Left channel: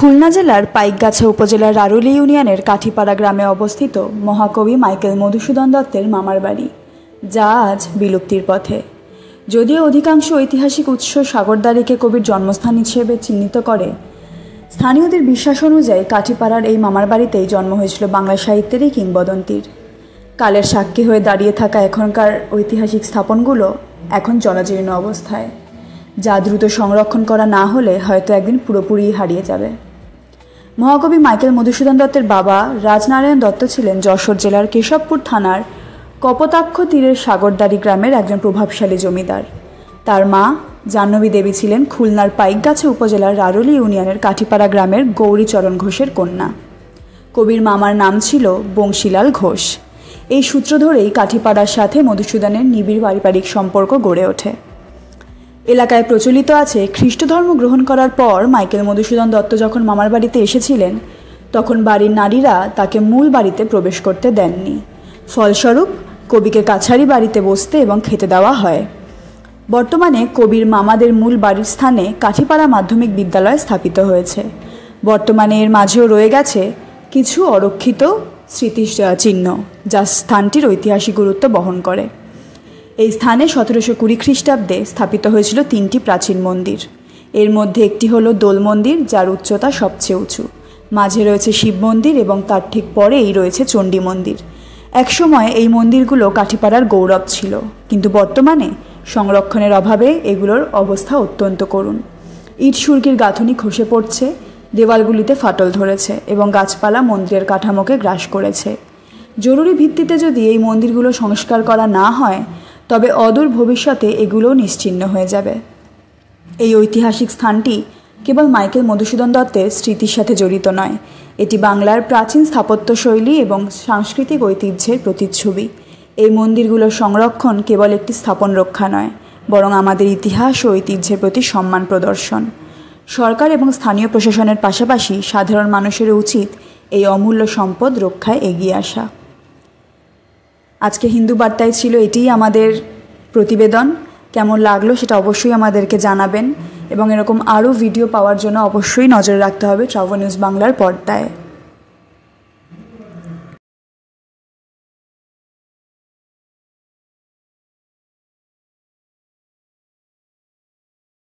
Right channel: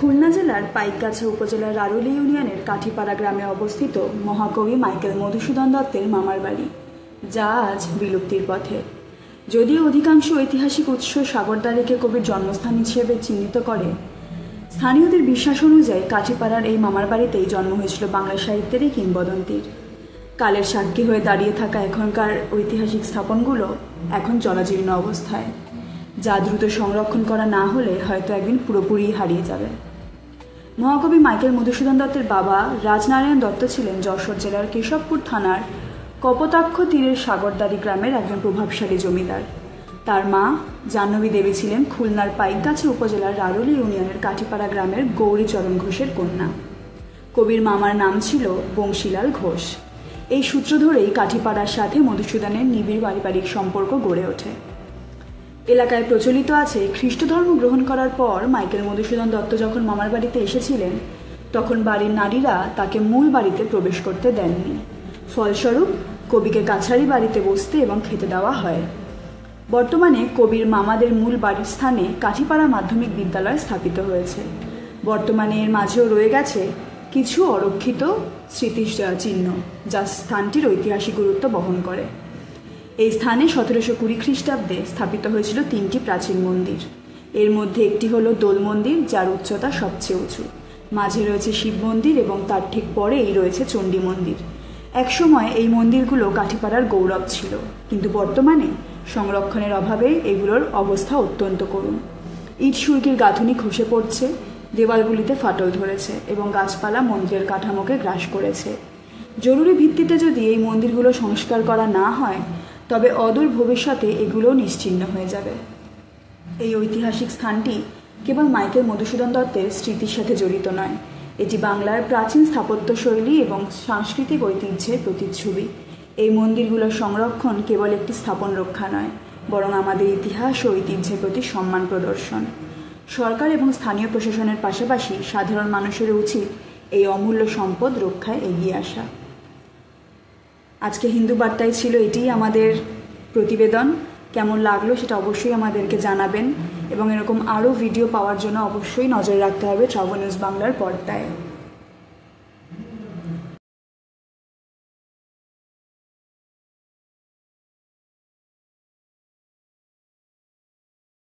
খুলনা জেলার পাইকগাছা উপজেলার রারুলি ইউনিয়নের কাঠিপাড়া গ্রামে অবস্থিত মহাকবি মাইকেল মধুসূদন দত্তের মামার বাড়ি, যা আজ বিলুপ্তির পথে। যদিও অধিকাংশ ঐতিহাসিক উৎস সাগরদাড়িকে কবির জন্মস্থান হিসেবে চিহ্নিত করে, স্থানীয়দের বিশ্বাস অনুযায়ী কাঠিপাড়ার এই মামার বাড়িতেই জন্ম হয়েছিল বাংলা সাহিত্যের এই কিংবদন্তির। কালের সাক্ষী হয়ে দাঁড়িয়ে থাকা এখনকার ঐতিহাসিক স্থাপনগুলো এখন জনজীর্ণ অবস্থায়, যা দ্রুত সংরক্ষণ করা না হলে হয়তো একদিন পুরোপুরি হারিয়ে যাবে। মহাকবি মাইকেল মধুসূদন দত্তের বাবা রাজনারায়ণ দত্ত ছিলেন যশোর জেলার কেশবপুর থানার কপোতাক্ষ তীরের সাগরদাড়ি গ্রামের একজন প্রভাবশালী জমিদার। তার মা জাহ্নবী দেবী ছিলেন খুলনার পাইকগাছা উপজেলার রারুলি ইউনিয়নের কাঠিপাড়া গ্রামের গৌরীচরণ ঘোষের কন্যা। কবির মামার নাম ছিল বংশীলাল ঘোষ। এই সূত্র ধরেই কাঠিপাড়ার সাথে মধুসূদনের নিবিড় পারিবারিক সম্পর্ক গড়ে ওঠে। এলাকায় প্রচলিত আছে, খ্রিস্ট ধর্ম গ্রহণ করার পর মাইকেল মধুসূদন দত্ত যখন মামার বাড়িতে এসেছিলেন, তখন বাড়ির নারীরা তাকে মূল বাড়িতে প্রবেশ করতে দেননি। ফলস্বরূপ কবিকে কাছারি বাড়িতে বসতে এবং খেতে দেওয়া হয়। বর্তমানে কবির মামাদের মূল বাড়ির স্থানে কাঠিপাড়া মাধ্যমিক বিদ্যালয় স্থাপিত হয়েছে। বর্তমানে এর মাঝেও রয়ে গেছে কিছু অরক্ষিত স্মৃতিচিহ্ন, যা স্থানটির ঐতিহাসিক গুরুত্ব বহন করে। এই স্থানে 1720 খ্রিস্টাব্দে স্থাপিত হয়েছিল 3টি প্রাচীন মন্দির। এর মধ্যে একটি হলো দোল মন্দির, যার উচ্চতা সবচেয়ে উঁচু। মাঝে রয়েছে শিব মন্দির এবং তার ঠিক পরেই রয়েছে চণ্ডী মন্দির। একসময় এই মন্দিরগুলো কাঠিপাড়ার গৌরব ছিল, কিন্তু বর্তমানে সংরক্ষণের অভাবে এগুলোর অবস্থা অত্যন্ত করুণ। ইট সুরকির গাঁথুনি খসে পড়ছে, দেওয়ালগুলিতে ফাটল ধরেছে এবং গাছপালা মন্দিরের কাঠামোকে গ্রাস করেছে। জরুরি ভিত্তিতে যদি এই মন্দিরগুলো সংস্কার করা না হয়, তবে অদূর ভবিষ্যতে এগুলোও নিশ্চিহ্ন হয়ে যাবে। এই ঐতিহাসিক স্থানটি কেবল মাইকেল মধুসূদন দত্তের স্মৃতির সাথে জড়িত নয়, এটি বাংলার প্রাচীন স্থাপত্যশৈলী এবং সাংস্কৃতিক ঐতিহ্যের প্রতিচ্ছবি। এই মন্দিরগুলোর সংরক্ষণ কেবল একটি স্থাপন রক্ষা নয়, বরং আমাদের ইতিহাস ও ঐতিহ্যের প্রতি সম্মান প্রদর্শন। সরকার এবং স্থানীয় প্রশাসনের পাশাপাশি সাধারণ মানুষের উচিত এই অমূল্য সম্পদ রক্ষায় এগিয়ে আসা। আজকে হিন্দু বার্তায় ছিল এটিই আমাদের প্রতিবেদন। কেমন লাগলো সেটা অবশ্যই আমাদেরকে জানাবেন এবং এরকম আরও ভিডিও পাওয়ার জন্য অবশ্যই নজর রাখতে হবে ট্রাভেল নিউজ বাংলার পর্দায়।